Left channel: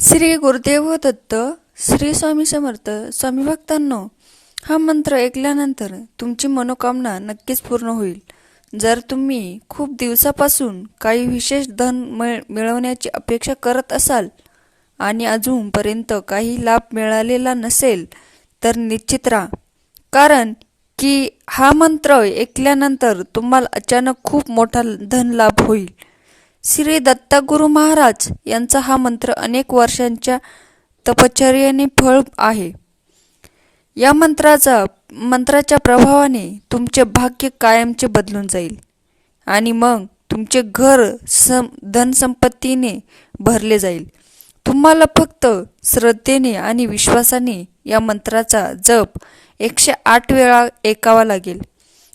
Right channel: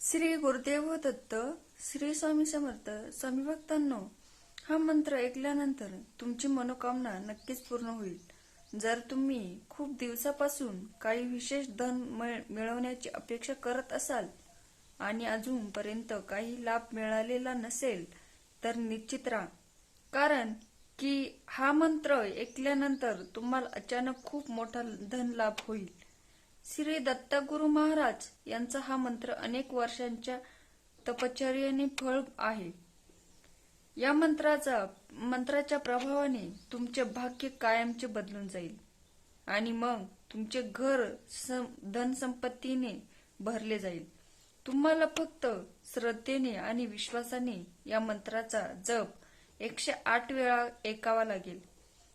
श्री गुरुदेव दत्त श्री स्वामी समर्थ स्वामी भक्तांनो हा मंत्र ऐकल्यानंतर तुमची मनोकामना नक्कीच पूर्ण होईल. जर तुम्ही खूप दिवसापासून काही विशेष धन मिळ मिळवण्याची अपेक्षा करत असाल आणि अजूनपर्यंत काही लाभ मिळालेला नसेल तर निश्चित राहा. कारण की हा मंत्र ऐकल्यानंतर तुम्हाला अचानक खूप मोठा धन लाभ होईल. श्री दत्तागुरु महाराज यांचा हा मंत्र अनेक वर्षांच्या तपश्चर्याने फळ आहे. या मंत्राचा मंत्राच्या प्रभावाने तुमचे भाग्य कायमचे बदलून जाईल आणि मग तुमचे घर सम धनसंपत्तीने भरले जाईल. तुम्हाला फक्त श्रद्धेने आणि विश्वासाने या मंत्राचा जप एकशे आठ वेळा ऐकावा लागेल.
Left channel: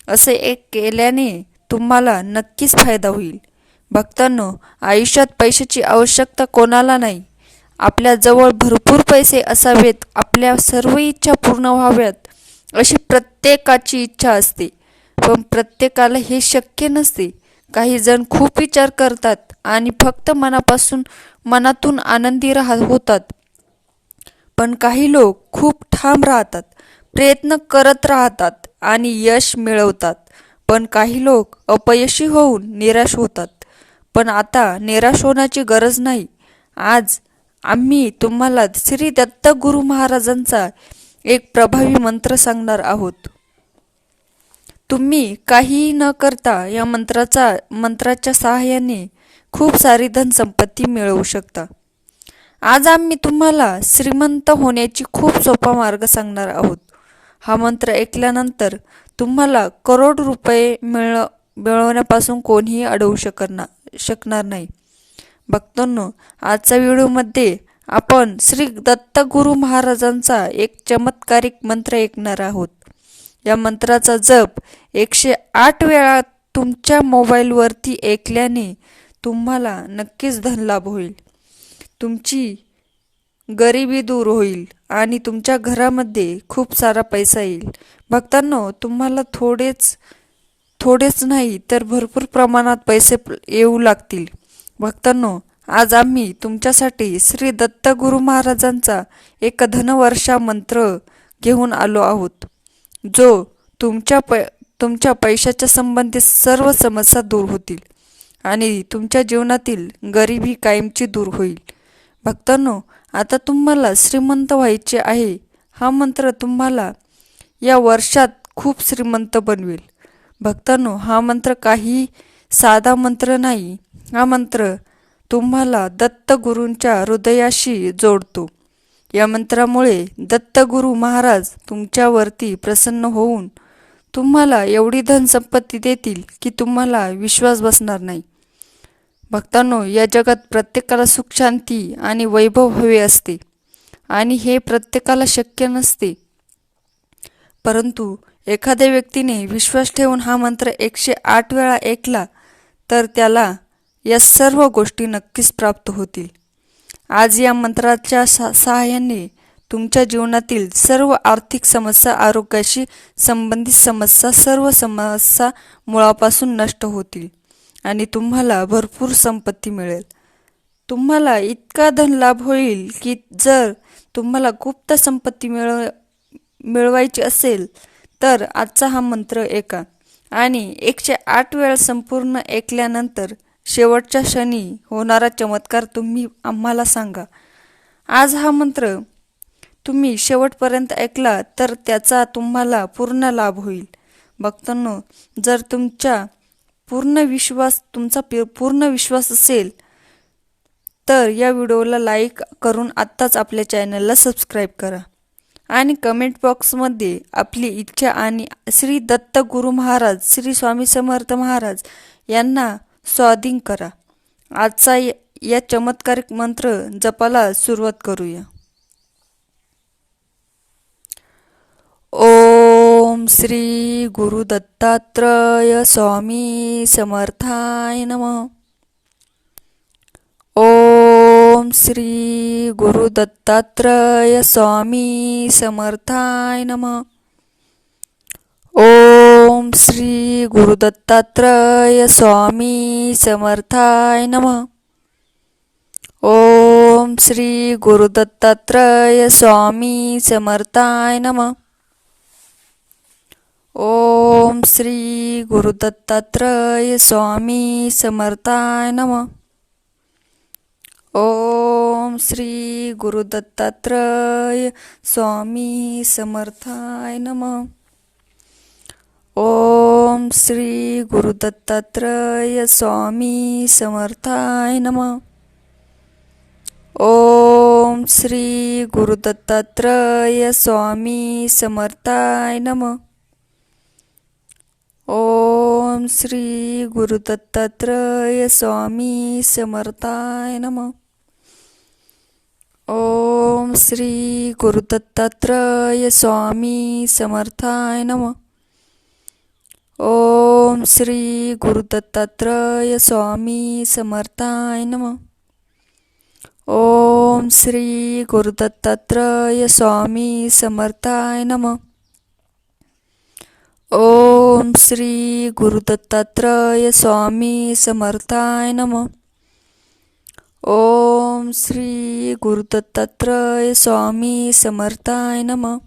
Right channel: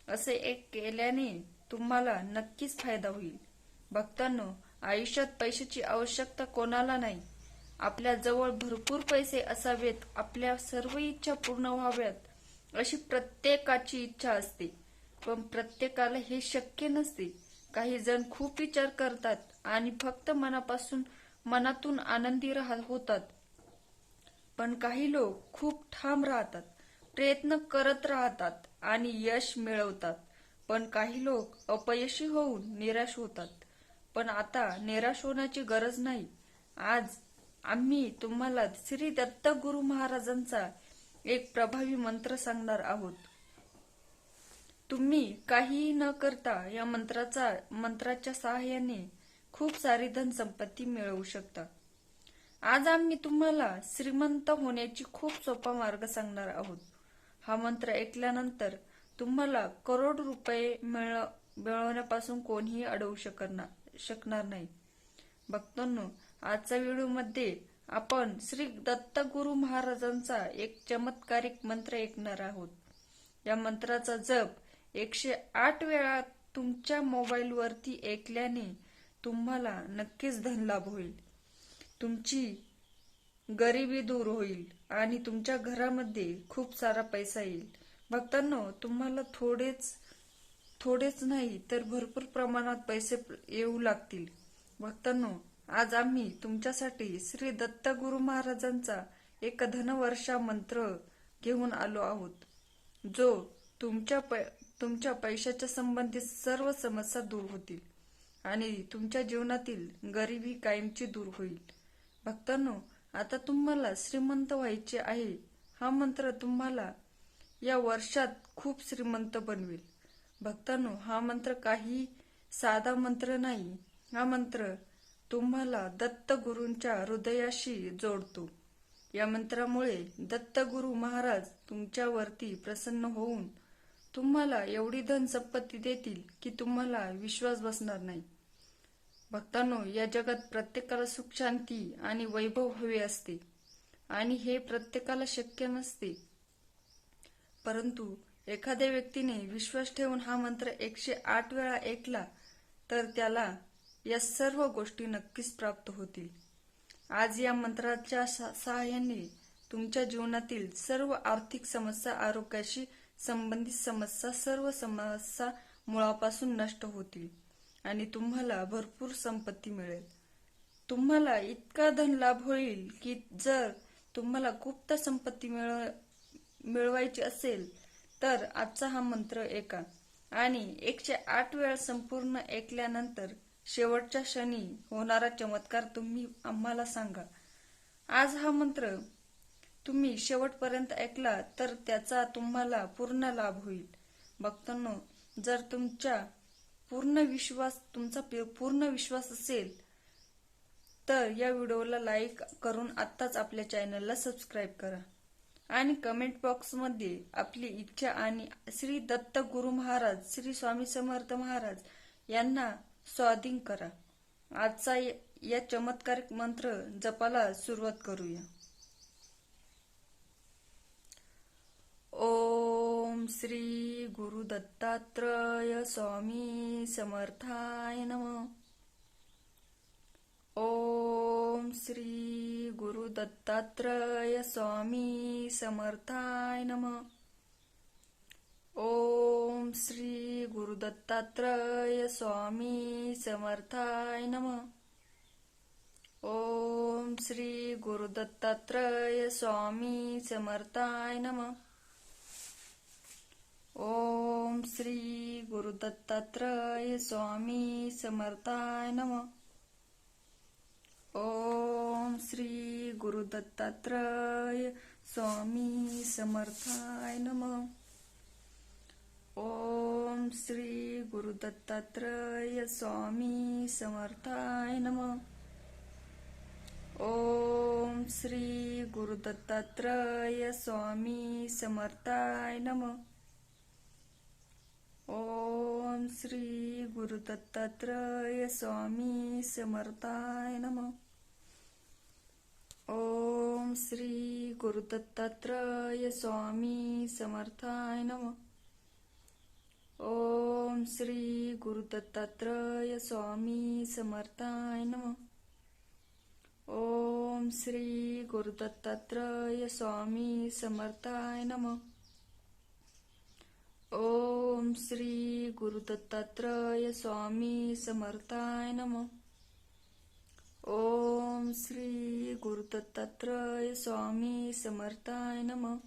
असे एक केल्याने तुम्हाला नक्कीच फायदा होईल. भक्तांनो आयुष्यात पैशाची आवश्यकता कोणाला नाही. आपल्याजवळ भरपूर पैसे असावेत आपल्या सर्व इच्छा पूर्ण व्हाव्यात अशी प्रत्येकाची इच्छा असते. पण प्रत्येकाला हे शक्य नसते. काही जण खूप विचार करतात आणि फक्त मनापासून मनातून आनंदी राह होतात. पण काही लोक खूप ठाम राहतात प्रयत्न करत राहतात आणि यश मिळवतात. पण काही लोक अपयशी होऊन निराश होतात. पण आता निराश होण्याची गरज नाही. आज आम्ही तुम्हाला श्री दत्त गुरु महाराजांचा एक प्रभावी मंत्र सांगणार आहोत. तुम्ही काहीही न करता या मंत्राचा मंत्राच्या सहाय्याने खूप सारी धनसंपत्ती मिळवू शकता. आज आम्ही तुम्हाला श्रीमंत होण्याची खूप सोपा मार्ग सांगणार आहोत. हा मंत्र ऐकल्यानंतर तुम्हाला करोड रुपये मिळ मिळवण्यापासून कोणीही अडवू शकणार शकणार नाही. भक्तांनो आजच्या व्हिडिओमध्ये आपण श्री दत्त गुरु महाराजांचा एक चमत्कारिक मंत्र ऐकणार आहोत. या मंत्राचा जप एकशे आठ वेळा तुमच्या मोबाईलवरती ऐकल्याने तुम्हाला नक्कीच धनलाभ होईल. तुमची गरिबी दूर होईल आणि तुमच्या घरामध्ये खूप सारा पैसा येईल. भक्तांनो तुम्हाला थोडेच थोडेच नाही तर भरपूर प्रमाणात पैसे येऊ लागतील. भक्तांनो आज आम्ही तुमच्यासाठी श्री दत्त गुरु महाराजांचा एक धनवर्षा मंत्र घेऊन आलो आहोत जो तुमच्या पै तुमच्या पैशाच्या संबंधित सर्व समस्या दूर होतील आणि तुमच्या जीवनातील गरिबी कायमची दूर होईल. भक्तांनो आता तुम्हाला श्रीमंत व्हायचे आहे हा मंत्र तुम्हाला या वर्षात खूप श्रीमंत बनवेल. भक्तांनो हा मंत्र काही साधा मंत्र नाही. हा मंत्र तुम्हाला दत्तगुरूंच्या हृदयाशी जोडतो. या मंत्रामुळे दत्तगुरू महाराज तुमच्यावरती प्रसन्न होऊन तुम्हाला एवढी धनसंपत्ती देतील की तुम्हाला विश्वास बसणार नाही. भक्तांनो या जगात प्रत्येकाला सुख शांती आणि वैभव हवे असते आणि हे प्रत्येकाला शक्य नसते. परंतु एखाद्या व्यक्तीने विश्वास ठेवून हा मंत्र एकशे आठ वेळा ऐकला तर त्याला या सर्व गोष्टी नक्कीच प्राप्त होतील. आज या मंत्राच्या सा सहाय्याने तुमच्या जीवनातील सर्व आर्थिक समस्या आरोग्याशी संबंधित समस्या सर्व समस्या मुळापासून नष्ट होतील आणि तुम्हाला भरपूर संपत्ती मिळेल. तुम्हाला इतका धनलाभ होईल की जर तुम्हाला गुप्त संपत्ती मिळव मिळवायची असेल तर आजचा हा मंत्र ऐका आणि एकशे आठ वेळा संपूर्ण ऐकल्यानंतर शेवटच्या क्षणी होणारा चमत्कार तुम्ही आम्हाला सांगा. आज हा मंत्र तुम्ही शेवटपर्यंत ऐकला तर त्याचा तुम्हाला पूर्ण लाभ होईल. भक्तांनो जर तुमच्या पूर्ण विश्वास तुमचा पि- पूर्ण विश्वास असेल तर या व्हिडिओला लाईक करून आत्ताच आपल्या चॅनलला सबस्क्राईब करा. आणि कमेंट बॉक्समध्ये आपली इच्छा आणि श्री दत्त गुरु महाराज श्री स्वामी समर्थ महाराज यांना स्वाधीन करा. आजचा या- या चमत्कारिक मंत्र जपाला सुरुवात करूया. ओम श्री गुरु दत्तात्रय स्वामी समर्थाय नमः. ओम श्री गुरु दत्तात्रय स्वामी समर्थाय नम। ओम श्री गुरु दत्तात्रय स्वामी समर्थाय नमः। ओम श्री श्री गुरुदत्तात्रय स्वामी समर्थाय नम। ओम श्री गुरुदत्तात्रय स्वामी समर्थाय नमः। ओम श्री गुरुदत्तात्रय स्वामी समर्थाय नमः। ओम श्री गुरुदत्तात्रय स्वामी समर्थाय नमः। ओम श्री गुरुदत्तात्रय स्वामी समर्थाय नम। ओम श्री गुरुदत्तात्रय स्वामी समर्थाय नमः। ओम श्री गुरुदत्तात्रय स्वामी समर्थाय नम। ओम श्री गुरुदत्तात्रय स्वामी समर्थाय नम। ओम श्री गुरुदत्तात्रय स्वामी समर्थाय नम। ओम श्री गुरुदत्तात्रय स्वामी समर्थाय नमः। ओम श्री गुरुदत्तात्रय स्वामी समर्थाय नम।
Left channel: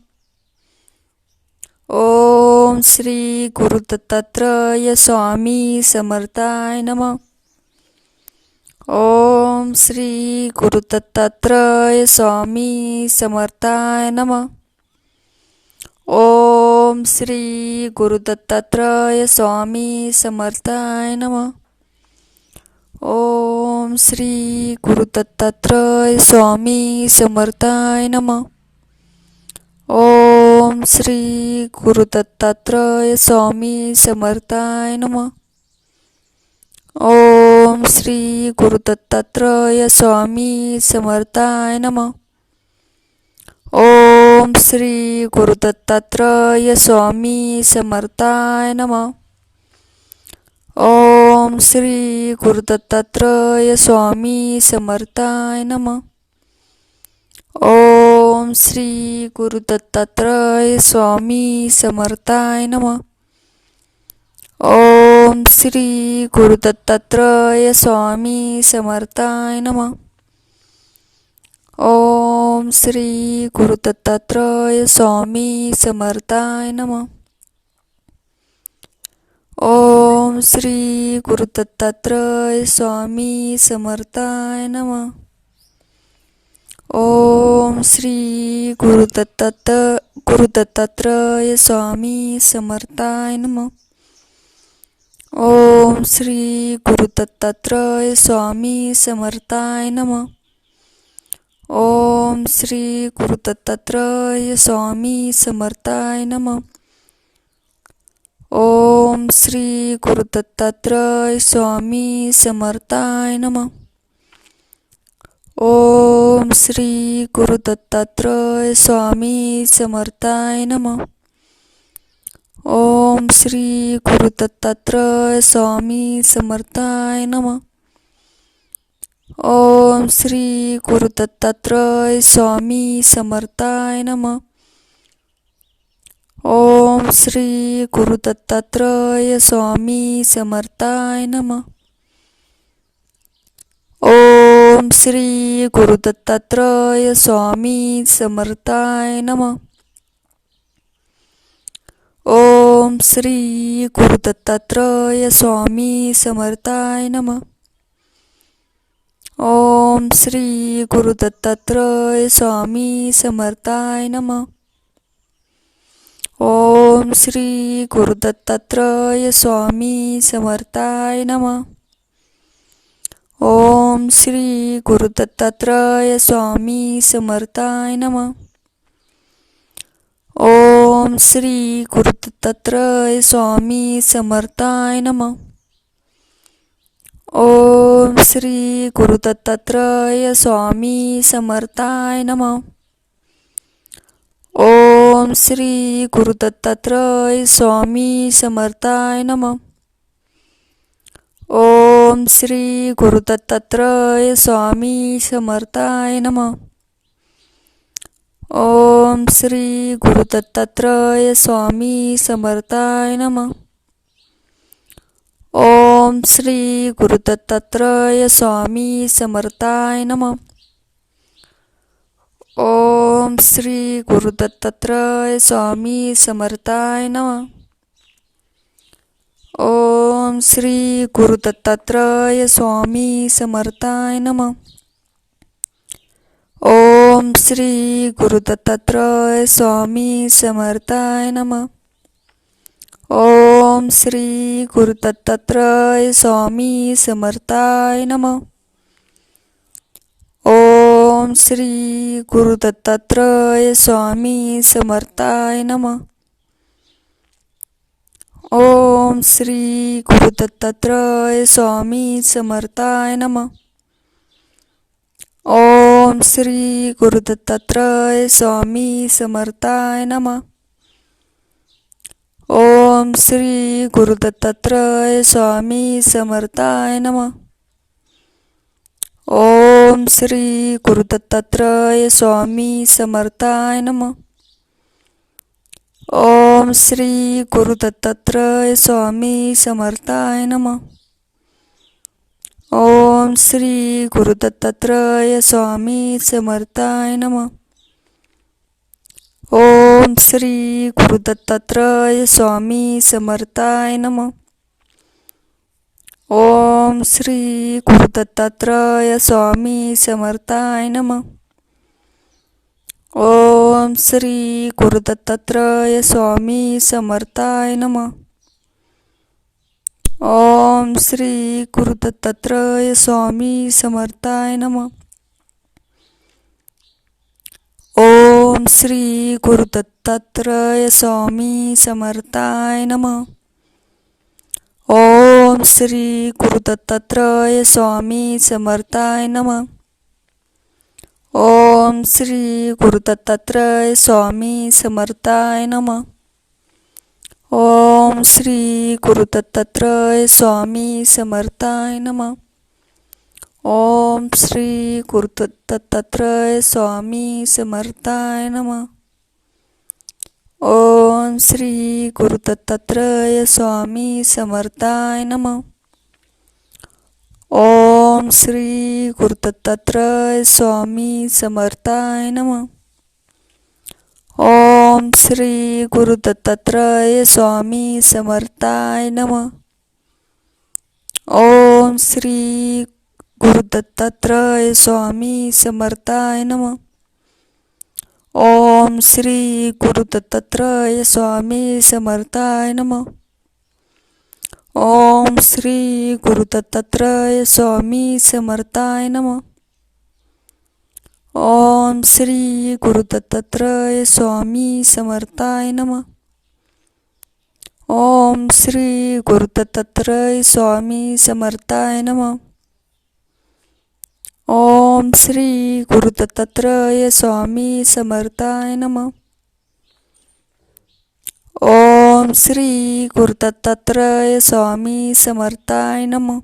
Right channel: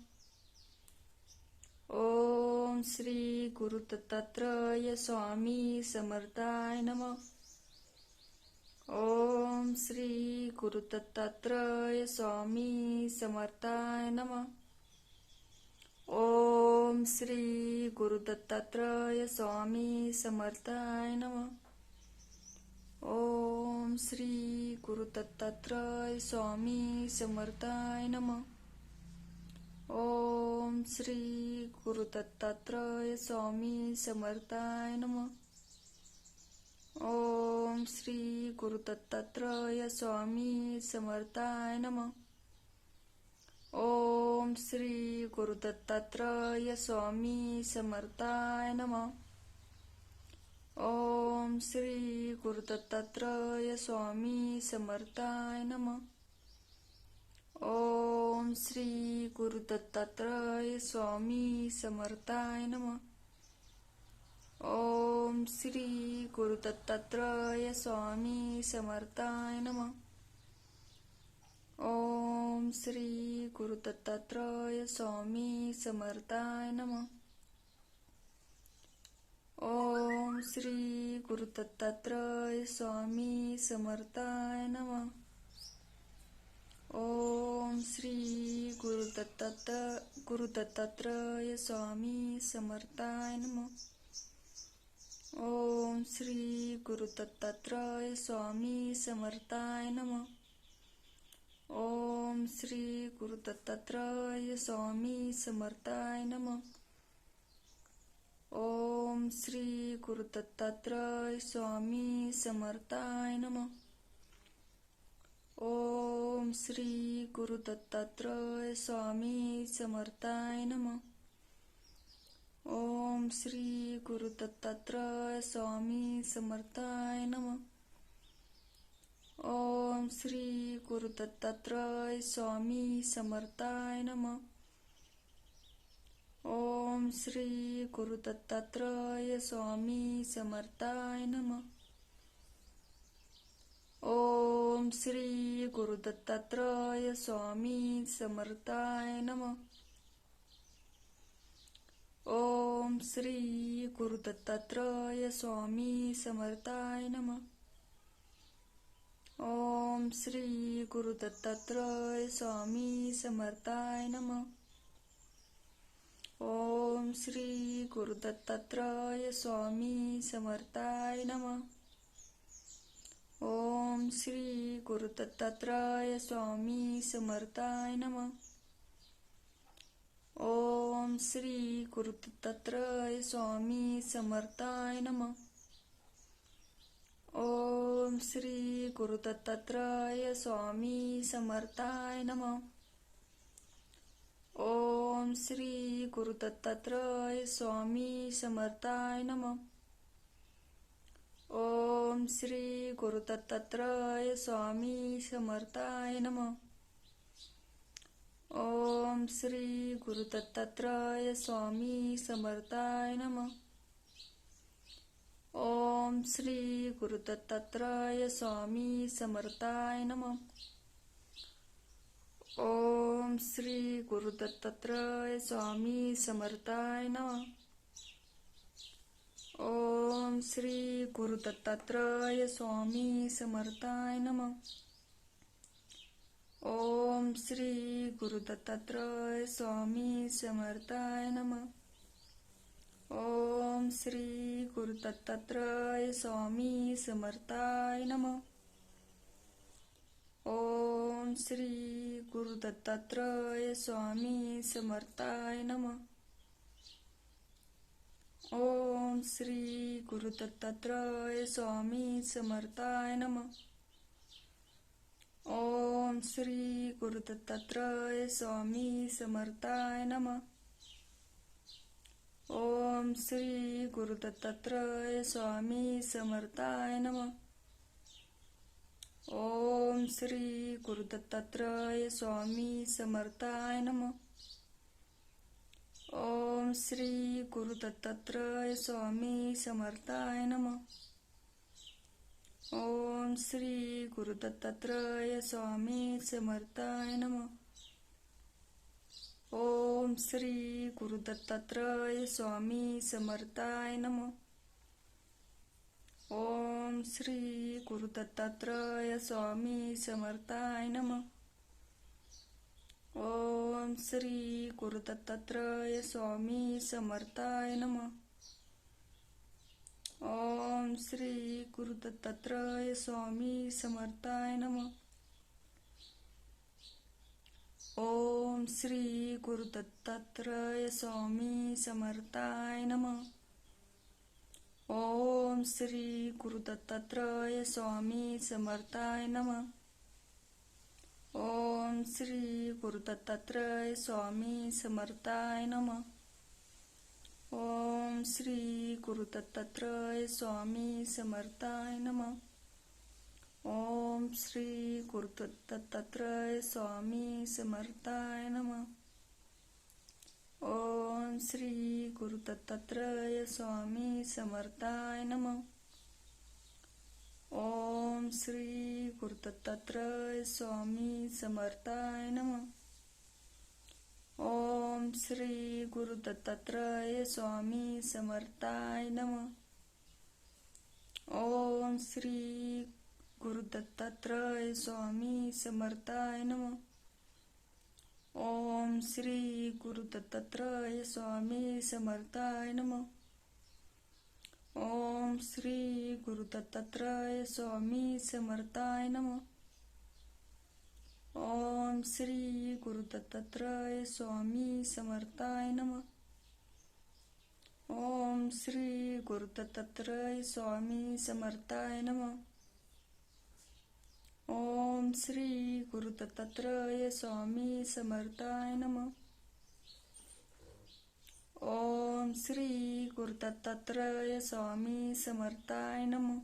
ओम श्री गुरुदत्तात्रय स्वामी समर्थाय नमः। ओम श्री गुरुदत्तात्रय स्वामी समर्थाय नमः। ओम श्री गुरुदत्तात्रय स्वामी समर्थाय नमः। ओम श्री गुरुदत्तात्रय स्वामी समर्थाय नमः। ओम श्री गुरुदत्तात्रय स्वामी समर्थाय नम। ओम श्री गुरुदत्तात्रय स्वामी समर्थाय नमः। ओम श्री गुरुदत्तात्रय स्वामी समर्थाय नमः। ओम श्री गुरुदत्तात्रय स्वामी समर्थाय नम। ओम श्री गुरुदत्तात्रय स्वामी समर्थाय नम। ओम श्री गुरुदत्तात्रय स्वामी समर्थाय नमः। ओम श्री गुरुदत्तात्रय स्वामी समर्थाय नमः। ओम श्री गुरुदत्तात्रय स्वामी समर्थाय नमः। ओम श्री गुरुदत्तात गुरुदत्तात्रय स्वामी समर्थाय नम। ओम श्री गुरुदत्तात्रय स्वामी समर्थाय नमः। ओम श्री गुरुदत्तात्रय स्वामी समर्थाय नमः। ओम श्री गुरुदत्तात्रय स्वामी समर्थाय नम. ओम श्री गुरुदत्तात्रय स्वामी समर्थाय नम. ओम श्री गुरुदत्तात्रय स्वामी समर्थाय नम. ओम श्री गुरुदत्तात्रय स्वामी समर्थाय नमः. ओम श्री गुरुदत्तात्रय स्वामी समर्थाय नमः। ओम श्री गुरुदत्तात्रय स्वामी समर्थाय नमः। ओम श्री गुरुदत्तात्रय स्वामी समर्थाय नमः। ओम श्री गुरुदत्तात्रय स्वामी समर्थाय नमः। ओम श्री गुरुदत्तात्रय स्वामी समर्थाय नमः. ओम श्री गुरुदत्तात्रय स्वामी समर्थाय नम. ओम श्री गुरुदत्तात्रय स्वामी समर्थाय नम. ओम श्री गुरुदत्तात्रय स्वामी समर्थाय नमः. ओम श्री गुरुदत्तात्रय स्वामी समर्थाय नम. ओम श्री गुरुदत्तात्रय स्वामी समर्थाय नम. ओम श्री गुरुदत्तात्रय स्वामी समर्थाय नम. ओम श्री गुरुदत्तात्रय स्वामी समर्थाय नमः. ओम श्री गुरुदत्तात्रय स्वामी समर्थाय नमः। ओम श्री गुरुदत्तात्रय स्वामी समर्थाय नम। ओम श्री गुरुदत्तात्रय स्वामी समर्थाय नम। ओम श्री गुरुदत्तात्रय स्वामी समर्थाय नमः। ओम श्री गुरुदत्तात्रय स्वामी समर्थाय नमः. ओम श्री गुरुदत्तात्रय स्वामी समर्थाय नमः. ओम श्री गुरुदत्तात्रय स्वामी समर्थाय नमः. ओम श्री गुरुदत्तात्रय स्वामी समर्थाय नमः. ओम श्री गुरुदत्तात्रय स्वामी समर्थाय नम। ओम श्री गुरुदत्तात्रय स्वामी समर्थाय नम। ओम श्री गुरुदत्तात्रय स्वामी समर्थाय नम। ओम श्री गुरुदत्तात्रय स्वामी समर्थाय नमः। ओम श्री गुरुदत्तात्रय स्वामी समर्थाय नम। ओम श्री गुरुदत्तात्रय स्वामी समर्थाय नम। ओम श्री गुरुदत्तात्रय स्वामी समर्थाय नम। ओम श्री गुरुदत्तात्रय स्वामी समर्थाय नमः। ओम श्री गुरुदत्तात्रय स्वामी समर्थाय नमः। ओम श्री गुरुदत्तात्रय स्वामी समर्थाय नमः। ओम श्री गुरुदत्तात्रय स्वामी समर्थाय नमः। ओम श्री गुरुदत्तात्रय स्वामी समर्थाय नमः। ओम श्री गुरुदत्तात्रय स्वामी समर्थाय नम। ओम श्री गुरुदत्तात्रय स्वामी समर्थाय नम। ओम श्री गुरुदत्तात्रय स्वामी समर्थाय नम। ओम श्री गुरुदत्तात्रय स्वामी समर्थाय नमः। ओम श्री गुरुदत्तात्रय स्वामी समर्थाय नम। ओम श्री गुरुदत्तात्रय स्वामी समर्थाय नम। ओम श्री गुरुदत्तात्रय स्वामी समर्थाय नम। ओम श्री गुरुदत्तात्रय स्वामी समर्थाय नमः। ओम श्री गुरुदत्तात्रय स्वामी समर्थाय नम। ओम श्री गुरुदत्तात्रय स्वामी समर्थाय नम।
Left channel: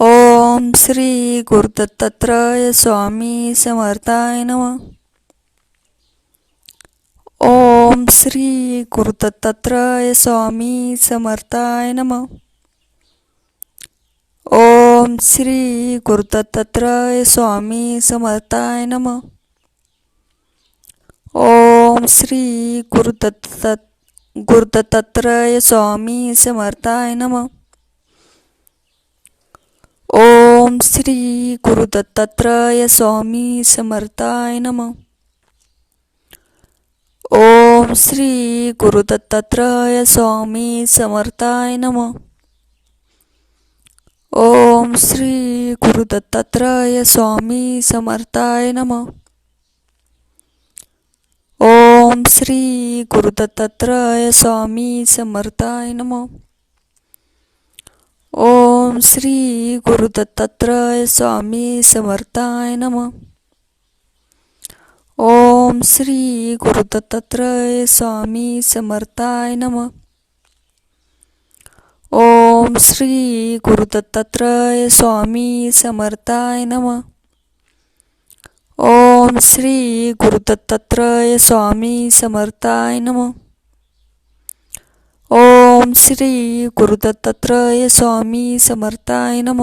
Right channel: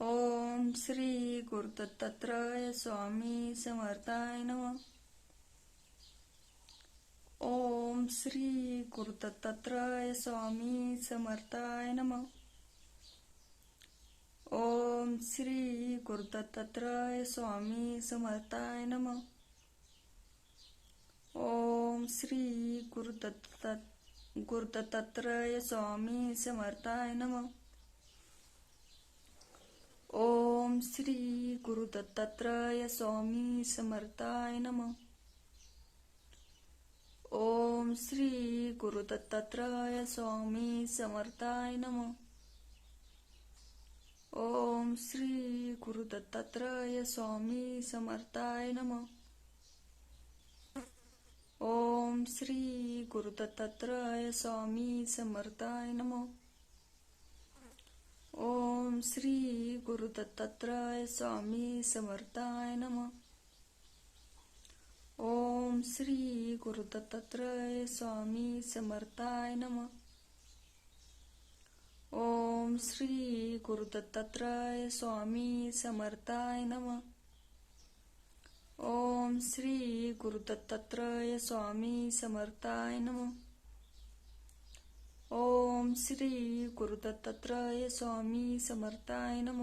ओम श्री गुरुदत्तात्रय स्वामी समर्थाय नम। ओम श्री गुरुदत्तात्रय स्वामी समर्थाय नमः। ओम श्री गुरुदत्तात्रय स्वामी समर्थाय नम। ओम श्री गुरुदत्त गुरुदत्तात्रय स्वामी समर्थाय नम। ओम श्री गुरुदत्तात्रय स्वामी समर्थाय नम। ओम श्री गुरुदत्तात्रय स्वामी समर्थाय नमः। ओम श्री गुरुदत्तात्रय स्वामी समर्थाय नम। ओम श्री गुरुदत्तात्रय स्वामी समर्थाय नमः। ओम श्री गुरुदत्तात्रय स्वामी समर्थाय नम। ओम श्री गुरुदत्तात्रय स्वामी समर्थाय नमः। ओम श्री गुरुदत्तात्रय स्वामी समर्थाय नम। ओम श्री गुरुदत्तात्रय स्वामी समर्थाय नम। ओम श्री गुरुदत्तात्रय स्वामी समर्थाय नम।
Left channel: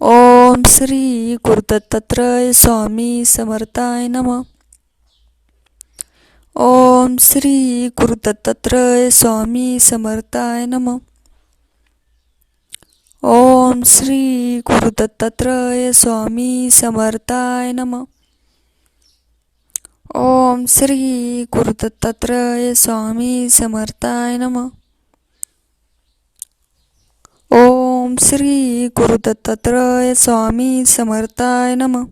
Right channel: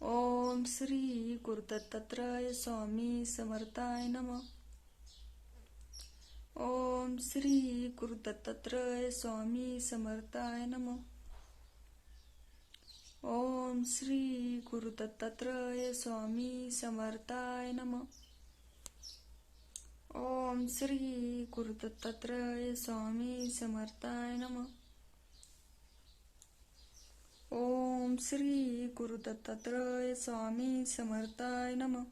ओम श्री गुरुदत्तात्रय स्वामी समर्थाय नम। ओम श्री गुरुदत्तात्रय स्वामी समर्थाय नम। ओम श्री गुरुदत्तात्रय स्वामी समर्थाय नम। ओम श्री गुरुदत्तात्रय स्वामी समर्थाय नम। ओम श्री गुरुदत्तात्रय स्वामी समर्थाय नम।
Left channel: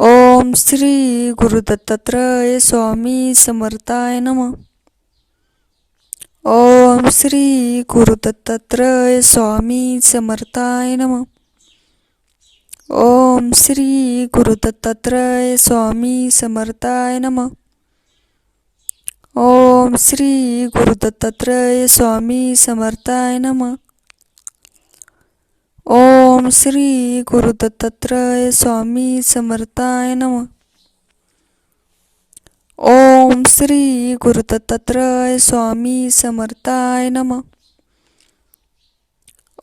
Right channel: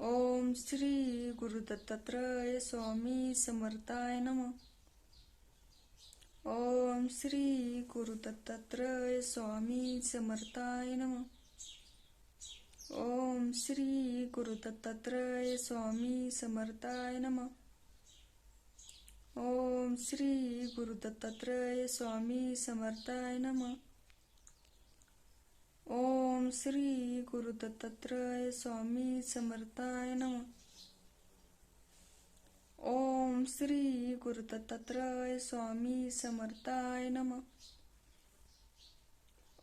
ओम श्री गुरुदत्तात्रय स्वामी समर्थाय नम. ओम श्री गुरुदत्तात्रय स्वामी समर्थाय नम. ओम श्री गुरुदत्तात्रय स्वामी समर्थाय नम. ओम श्री गुरुदत्तात्रय स्वामी समर्थाय नम. ओम श्री गुरुदत्तात्रय स्वामी समर्थाय नम. ओम श्री गुरुदत्तात्रय स्वामी समर्थाय नम.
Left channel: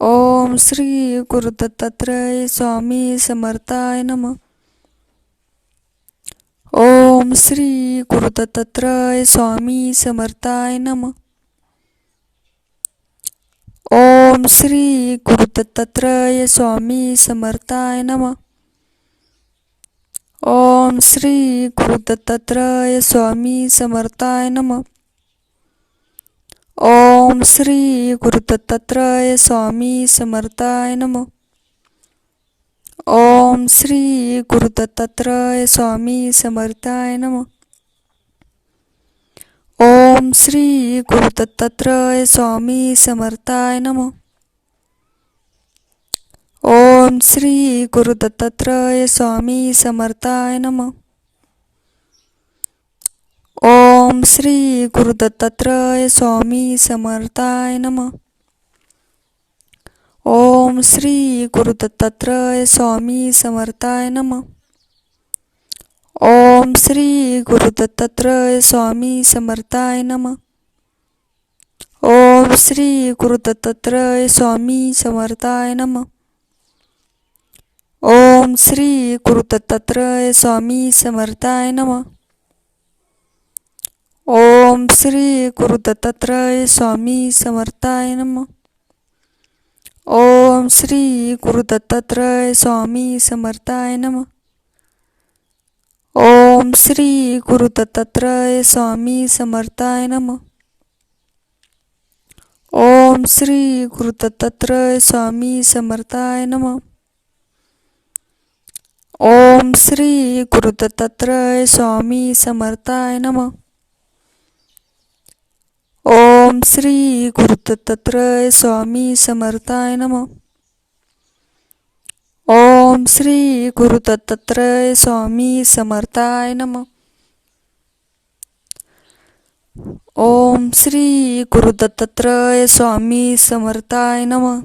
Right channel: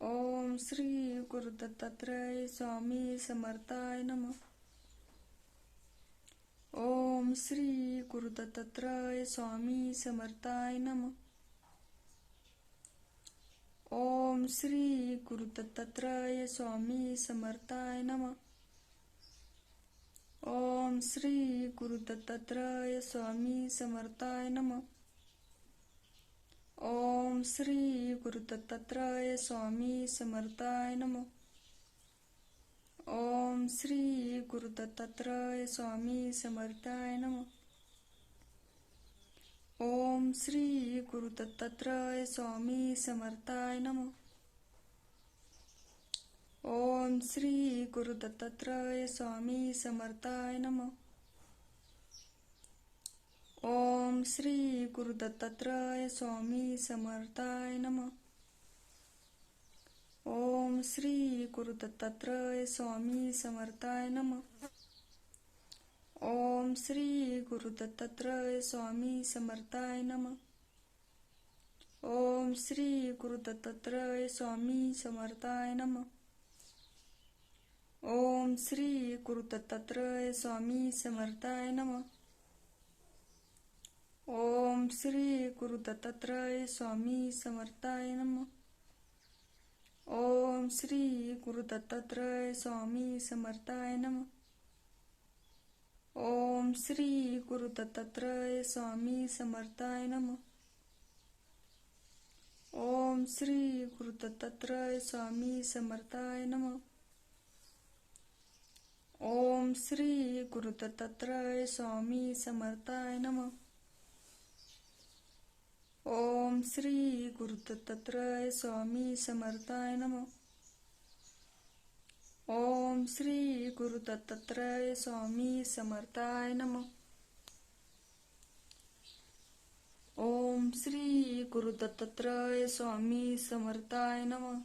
ओम श्री गुरुदत्तात्रय स्वामी समर्थाय नम. ओम श्री गुरुदत्तात्रय स्वामी समर्थाय नम. ओम श्री गुरुदत्तात्रय स्वामी समर्थाय नम. ओम श्री गुरुदत्तात्रय स्वामी समर्थाय नम. ओम श्री गुरुदत्तात्रय स्वामी समर्थाय नम. ओम श्री गुरुदत्तात्रय स्वामी समर्थाय नम. ओम श्री गुरुदत्तात्रय स्वामी समर्थाय नम. ओम श्री गुरुदत्तात्रय स्वामी समर्थाय नम. ओम श्री गुरुदत्तात्रय स्वामी समर्थाय नम. ओम श्री गुरुदत्तात्रय स्वामी समर्थाय नम. ओम श्री गुरुदत्तात्रय स्वामी समर्थाय नम. ओम श्री गुरुदत्तात्रय स्वामी समर्थाय नम. ओम श्री गुरुदत्तात्रय स्वामी समर्थाय नम. ओम श्री गुरुदत्तात्रय स्वामी समर्थाय नम. ओम श्री गुरुदत्तात्रय स्वामी समर्थाय नम. ओम श्री गुरुदत्तात्रय स्वामी समर्थाय नम। ओम श्री गुरुदत्तात्रय स्वामी समर्थाय नम। ओम श्री गुरुदत्तात्रय स्वामी समर्थाय नम। ओम श्री गुरुदत्तात्रय स्वामी समर्थाय नम। ओम श्री गुरुदत्तत्रय स्वामी समर्थाय नम. ओम श्री गुरुदत्तत्रय स्वामी समर्थाय नम.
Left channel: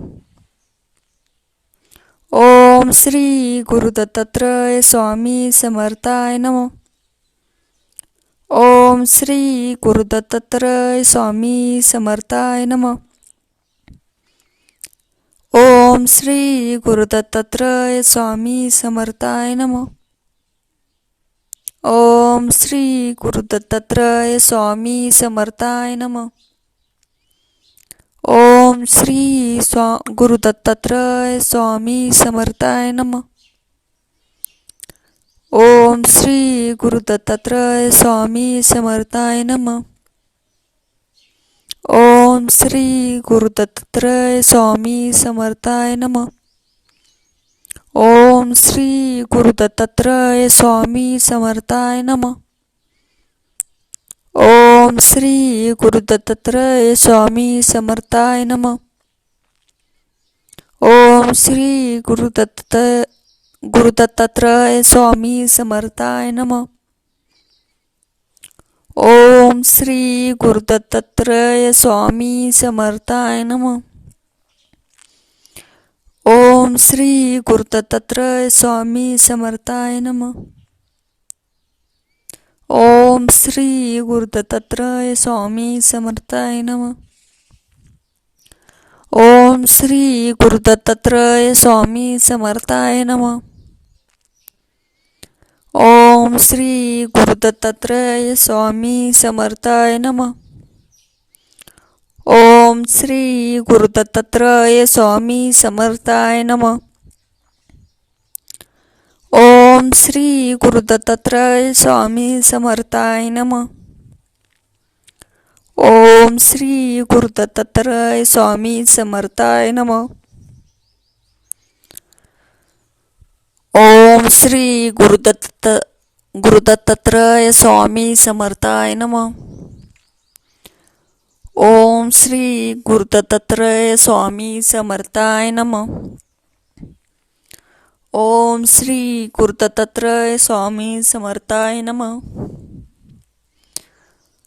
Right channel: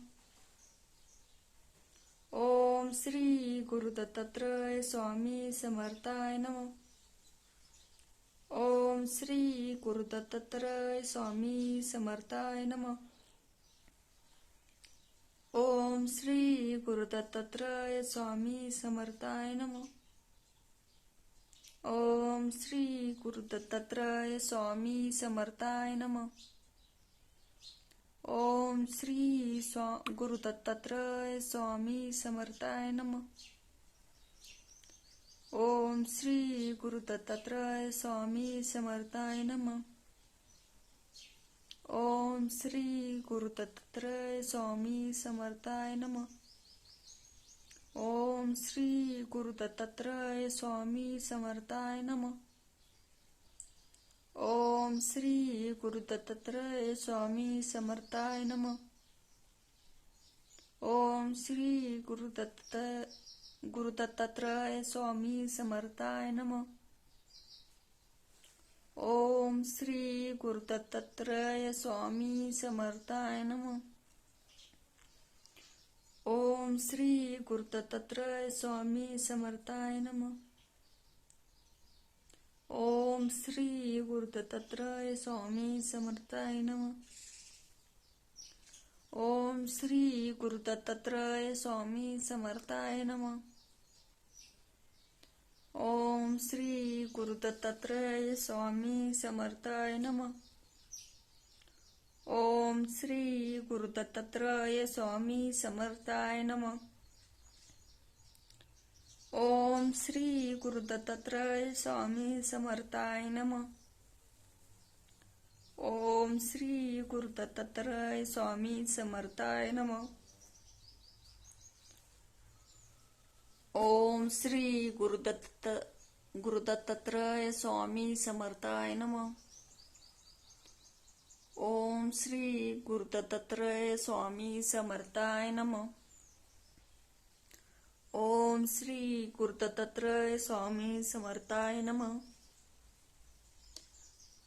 ओम श्री गुरुदत्तत्रय स्वामी समर्थाय नम. ओम श्री गुरुदत्तत्रय स्वामी समर्थाय नम. ओम श्री गुरुदत्तात्रय स्वामी समर्थाय नम. ओम श्री गुरुदत्तात्रय स्वामी समर्थाय नम. ओम श्री स्वा गुरुदत्तात्रय स्वामी समर्थाय नम. ओम श्री गुरुदत्तात्रय स्वामी समर्थाय नम. ओम श्री गुरुदत्तत्रय स्वामी समर्थाय नम. ओम श्री गुरुदत्तत्रय स्वामी समर्थाय नम. ओम श्री गुरुदत्तत्रय स्वामी समर्थाय नम. ओम श्री गुरुदत्त गुरुदत्तात्रय स्वामी समर्थाय नम. ओम श्री गुरुदत्तत्रय स्वामी समर्थाय नम। ओम श्री गुरुदत्तत्रय स्वामी समर्थाय नम। ओम श्री गुरुदत्तत्रय स्वामी समर्थाय नम। ओम श्री गुरुदत्तत्रय स्वामी समर्थाय नमः। ओम श्री गुरुदत्तात्रय स्वामी समर्थाय नम। ओम श्री गुरुदत्तात्रय स्वामी समर्थाय नम। ओम श्री गुरुदत्तात्रय स्वामी समर्थाय नम। ओम श्री गुरुदत्तात्रय स्वामी समर्थाय नमः। ओम श्री गुरुदत्त गुरुदत्तत्रय स्वामी समर्थाय नम. ओम श्री गुरुदत्तत्रय स्वामी समर्थाय नम. ओम श्री गुरुदत्तत्रय स्वामी समर्थाय नम.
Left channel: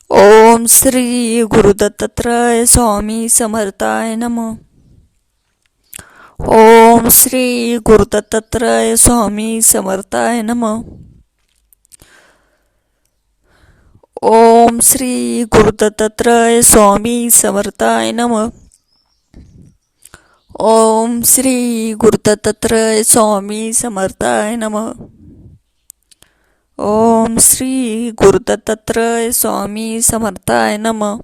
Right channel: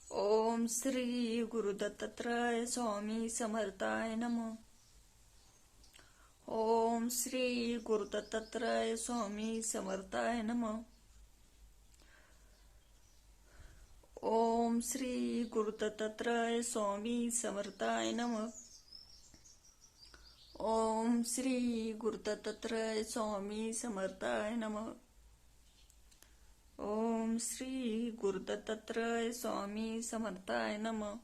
ओम श्री गुरुदत्तत्रय स्वामी समर्थाय नमः. ओम श्री गुरुदत्तात्रय स्वामी समर्थाय नमः. ओम श्री गुरुदत्तात्रय स्वामी समर्थाय नमः. ओम श्री गुरुदत्तात्रय स्वामी समर्थाय नमः. ओम श्री गुरुदत्तात्रय स्वामी समर्थाय नमः.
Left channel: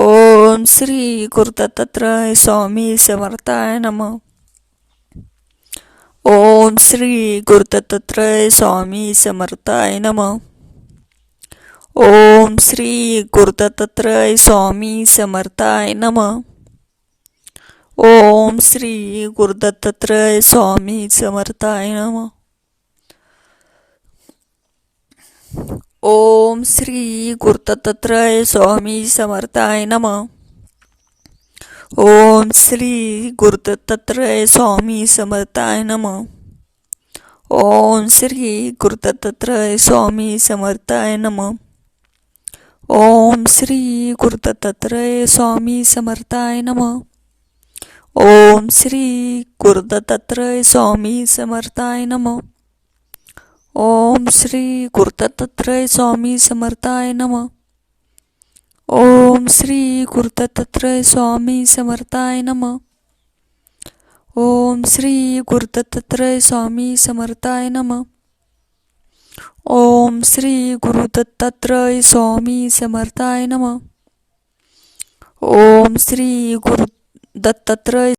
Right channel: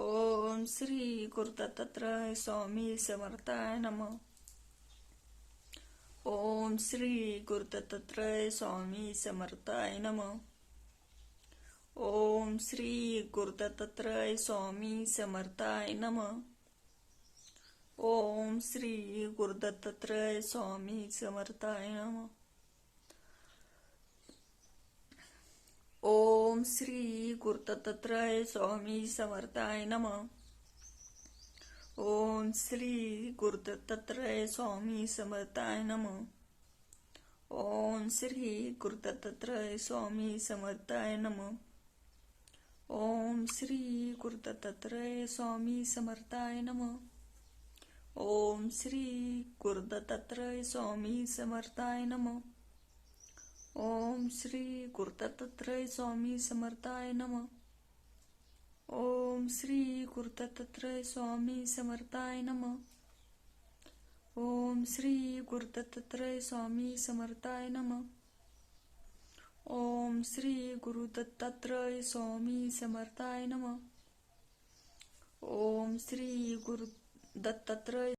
ओम श्री गुरुदत्तात्रय स्वामी समर्थाय नमः। ओम श्री गुरुदत्तात्रय स्वामी समर्थाय नमः। ओम श्री गुरुदत्तात्रय स्वामी समर्थाय नमः। ओम श्री गुरुदत्तात्रय स्वामी समर्थाय नम। ओम श्री गुरुदत्तात्रय स्वामी समर्थाय नमः. ओम श्री गुरुतत्रय स्वामी समर्थाय नमः. ओम श्री गुरुदत्तात्रय स्वामी समर्थाय नमः. ओम श्री गुरुदत्तात्रय स्वामी समर्थाय नमः. ओम श्री गुरुदत्तत्रय स्वामी समर्थाय नमः. ओम श्री गुरुदत्तात्रय स्वामी समर्थाय नम। ओम श्री गुरुदत्तात्रय स्वामी समर्थाय नम। ओम श्री गुरुदत्तात्रय स्वामी समर्थाय नम। ओम श्री गुरुदत्तात्रय स्वामी समर्थाय नमः। ओम श्री गुरु दत्तात्रय